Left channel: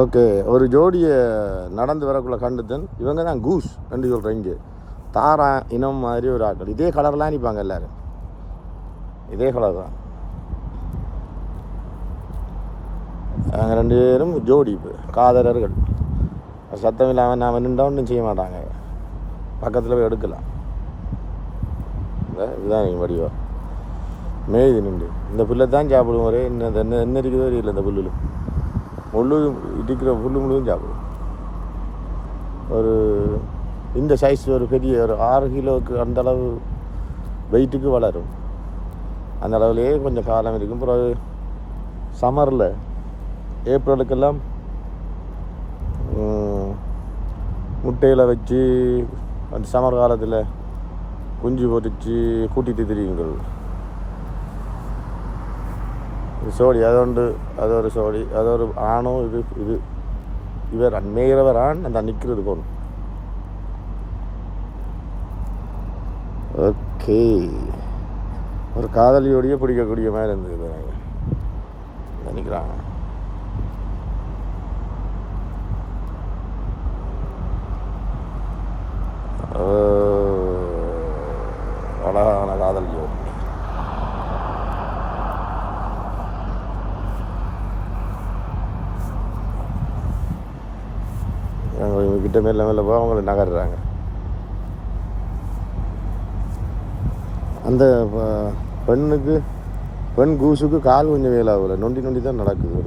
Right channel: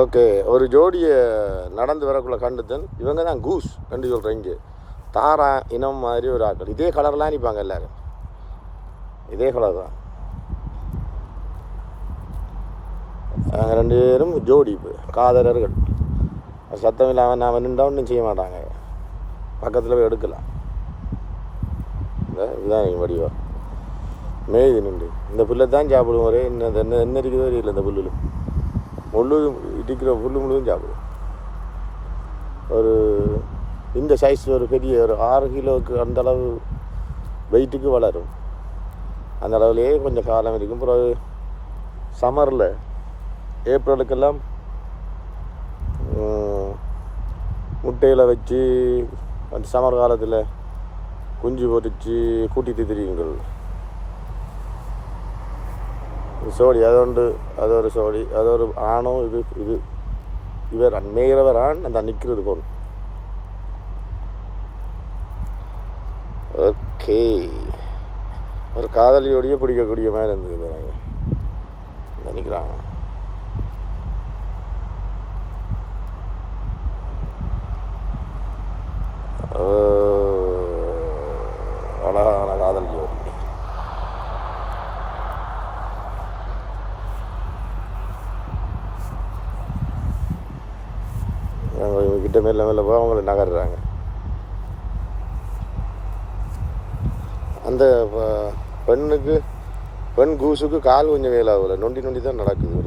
Okay, ஒரு ஜோடியை நடந்து வரக்குள்ள கண்டுத்தன். இவங்க தான் கூஸ் கண்டு சொல்கிறேன். இங்கே தாரா இனம் மாதிரி ஒரு ஆட்கள் இதே கலர்லாம் அனுப்பாங்க எல்லாரும். இதே கலர் தான். நாங்கள் 2 பேரும் ஜோடி காதலர்கள். சத்தம் இல்லாமல் நான் நின்றா ஒன்றும் செய்ய மாட்டாங்க. பக்கத்தில் போய் எடுக்கலாம். இதுதான் வடிவா மேய்து நின்று இந்த புல்லை தான் சாப்பிடுவோம். ஒரே என்ன இருக்குதோ இல்லை. இந்த புல்லும் முள்ளும் இடிக்கிற புல்லு முள்ளும் சாப்பிடும். ஒரு இந்த சைஸில் ஒரு பெரிய ஒரு 6 கிலோவுக்கு அந்தளவு வெயிட்டுக்கு வளரும். அந்த அளவுலேயே கொஞ்சம் காலம் இருக்கும். பிறகு சம்மரில் ஏப்ரலுக்கெல்லாம் முட்டையில் வச்சு அந்த சம்மர் காலத்தில் குஞ்சு பொறிச்சு கூட்டிகிட்டு திரியுங்கிறது சோடி. அது ஒரு சோடி, அது ஒரு ஆணும். இது இவர் மேய்கிறவர் ஆண், அந்த நிற்கிறது போகும். ஓகே, ஒரு காதலியோடைய பிடிக்கக்கூடிய மாதிரி இருந்தது நினைக்கிறாங்க. அழகான காதலியோ. கிட்ட மெல்ல மெல்ல போக அவங்களை நகர்றாங்க. அந்த பெண் கூசுக்கு கால் கொஞ்சம் வேலாகல, நொண்டி தான் நடக்குது.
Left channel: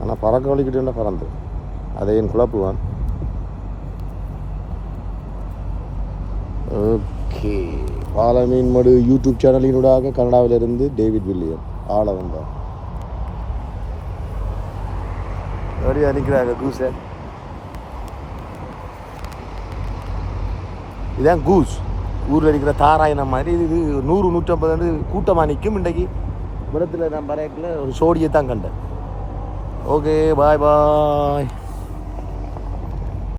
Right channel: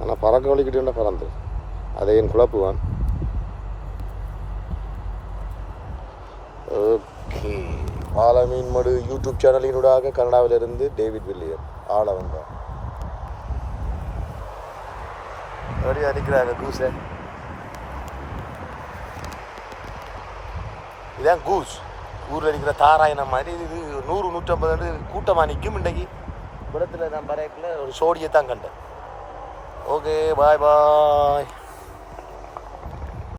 ஆனால் பறக்க வலிக்கிட்டு பறந்து அதை என் குழப்புவான். ஓகே, பாலமீன்மடு யூடியூப் சேனலினூடாக கனடாவிலிருந்து டேவிட் வில்லியம் ஆள வந்தார். அப்படியே அனுக்கிறாங்க கூஸை. இதான் கூஸ். ஊரில் இருக்கிற தாராயினம் மாதிரி இது 100-150 கூட்டமாக நிற்கும். இன்றைக்கு இடத்துல நான் பறையக்குள்ள ஒரு சோடியை தான் கண்டேன். ஓகே, பாய் பாய்.